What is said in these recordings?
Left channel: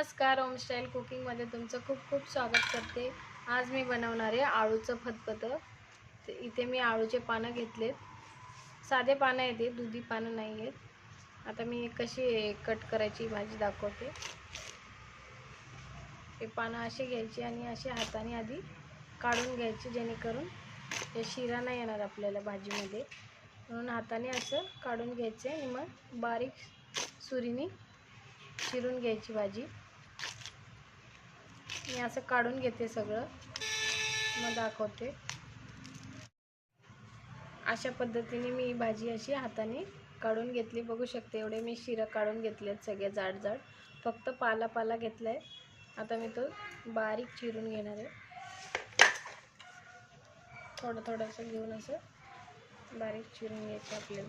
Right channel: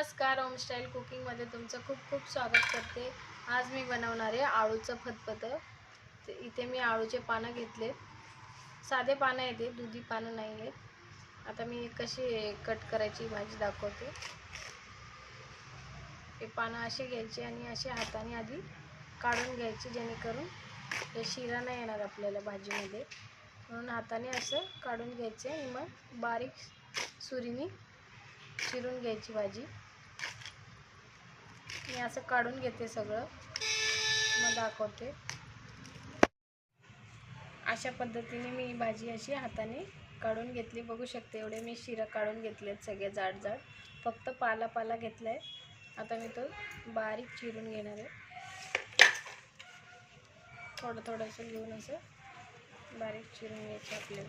नमस्कार होमस्टाईल कुकिंगमध्ये तुमचं खूप खूप स्वागत करते. आज मी बनवणार आहे आळूचं फतफतं इथे मी आळूचे पानं घेतले साधे पानं आहेत दुधी पानं नाही आहेत. आता मी कशी कट करायची भाजी दाखवते. हे पानं असे घ्यायची आणि असे हाताने आधी काढून घ्यायचे जेणेकरून हे शिरा नाही येणार आपल्याला भाजीमध्ये. म्हणून हाताने असं काढून घ्यायचे आणि मग बारीक सुरीने चिरून घ्यायची भाजी. मी असं काढून घेते सगळं. मग दाखवते. अशा पद्धतीने मी भाजी अशी हाताने काढून घेतली. बघू शकते एवढे मी शिरं काढून घेतले आहेत सगळे जाड जाड फक्त पाला पाला घेतला आहे आता मी तो बारीक चिरून घेणार आहे. थोडं थोडंसं घेऊन असं बारीक चिरून घ्यायचं आपल्याला.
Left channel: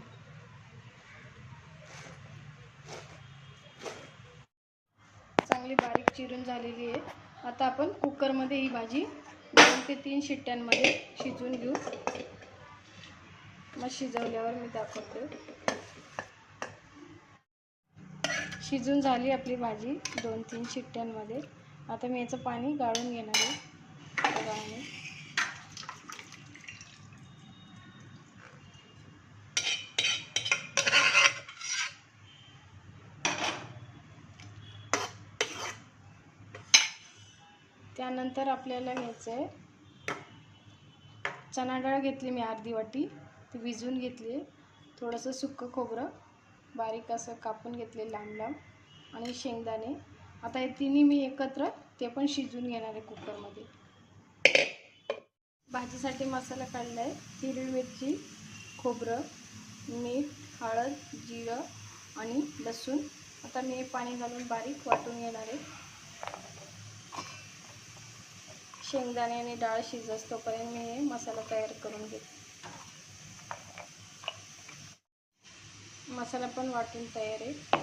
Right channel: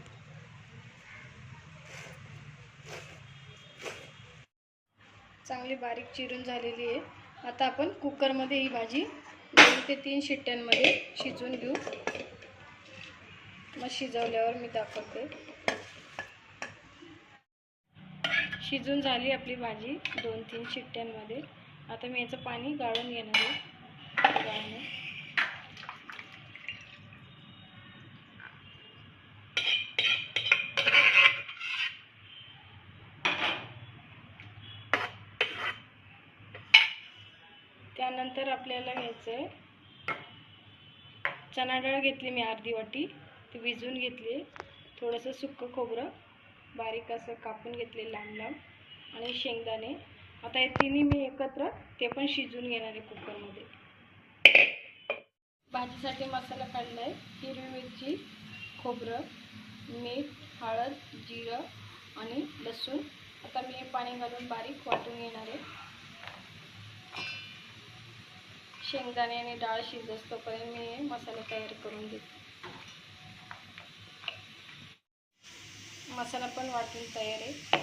चांगली बारीक चिरून झालेली आहे. आता आपण कुकरमध्ये ही भाजी दोन ते तीन शिट्ट्यांमध्ये शिजवून घेऊ. मग शिजवल्यावर मी दाखवते. शिजून झाली आपली भाजी दोन तीन शिट्ट्यांमध्ये. आता मी याचं पाणी गाळून घेणार आहे गाळून त्यानंतर आपल्याला घ्यायचं आहे चणा डाळ घेतली मी अर्धी वाटी ती विजून घेतली थोडंसं सुक्कं खोबरं बारीक असं कापून घेतले लांब लांब आणि शेंगदाणे. आता हे तिन्ही मी एकत्र ते पण शिजवून घेणार आहे कुकरमध्ये. भाजीसाठी मसाला काढला आहे हिरवी मिरची खोबरं मीठ हळद जिरं आणि लसूण. आता मी हे पाणी घालून बारीक वाटून घेणार आहे. शेंगदाणे आणि डाळ शिजतोपर्यंत मी हे मसाला तयार करून घेते. मसाला पण वाटून तयार आहे.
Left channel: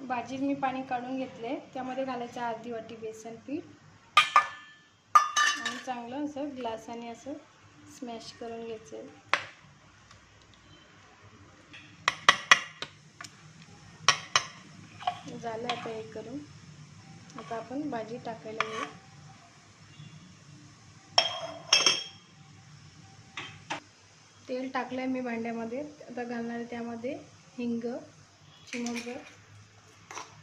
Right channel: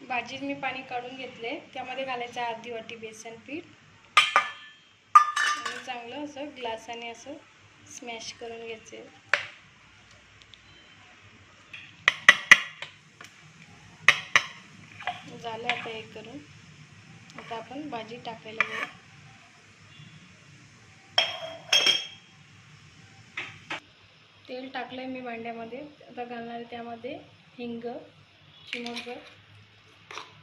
भाजीत मी पाणी काढून घेतले. त्यामध्ये घालायचं अर्धी वाटी बेसन पीठ. आणि चांगलं असं ग्लासाने असं स्मॅश करून घ्यायचं. झालं आता हे करून. आता आपण भाजी टाकायला घेऊ तेल टाकलंय मी भांड्यामध्ये. आता घालणार आहे त्यामध्ये हिंग चिमग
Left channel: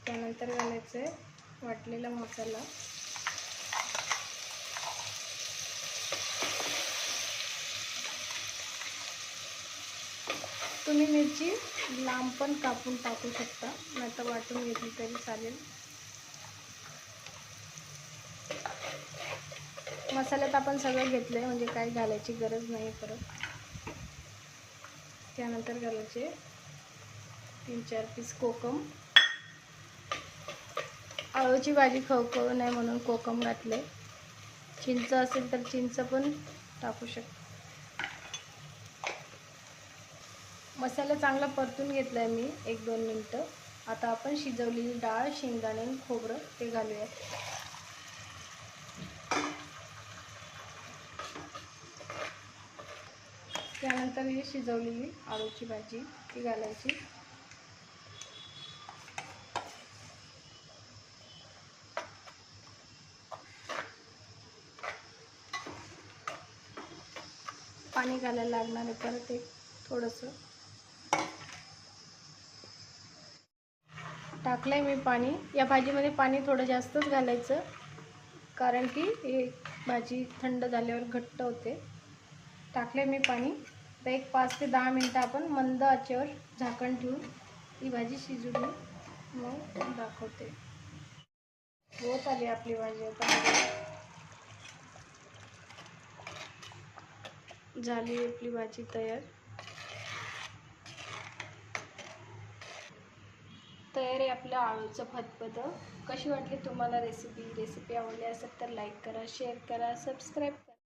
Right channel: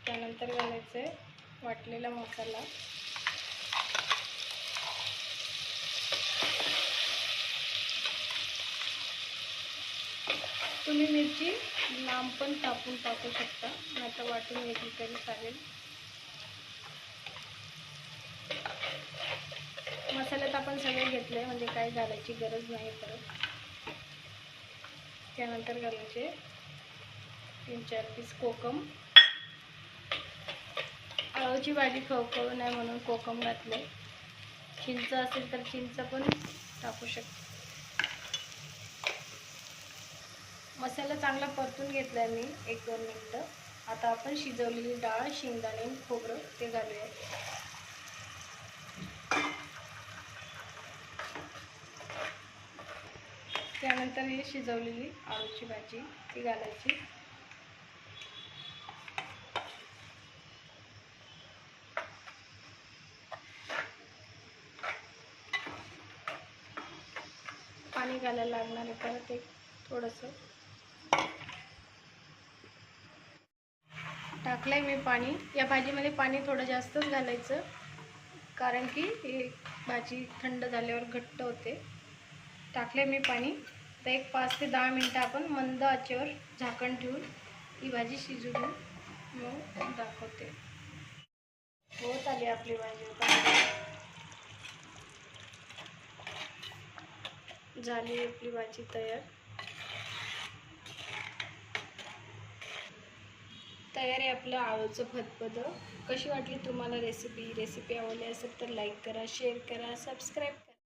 त्यानंतर घालायचं आहे वाटलेला मसाला. तुम्ही मिरची लांब पण कापून टाकू शकता. आता वाटून घेतली तरी चालेल. आपण सगळं घेतलं आहे म्हणजे काय घालायची गरज नाही परत. त्यानंतर घालायचे तीन चार पीस कोकम. आळूची भाजी खवखवू नये म्हणून कोकम घातले चिंच असेल तर चिंच पण टाकू शकतो. मसाला चांगला परतून घेतला आहे मी एक दोन मिनटं. आता आपण शिजवलेली डाळ शेंगदाणे खोबरं ते घालूया त्यानंतर ही शिजवलेली आळूची भाजी ती घालायची. पाणी घालायला लागणार आहे परत एक थोडंसं. टाकलं आहे मी पाणी. या भाजीमध्ये पाणी थोडं जास्तच घालायचं कारण की ही भाजी थंड झाल्यावर घट्ट होते. टाकले मी पाणी. तर एक पाच ते दहा मिनटं आपण मंद आचेवर झाकण ठेवून ही भाजी शिजू देऊ मग दाखवते. होत आली आपली भाजी झाली आपली भाजी तयार. तयार आहे आपलं आळूचं फतफतं कशी वाटली तुम्हाला रेसिपी रेसिपी आवडली असेल तर लाईक करा शेअर करा सबस्क्राईब करा.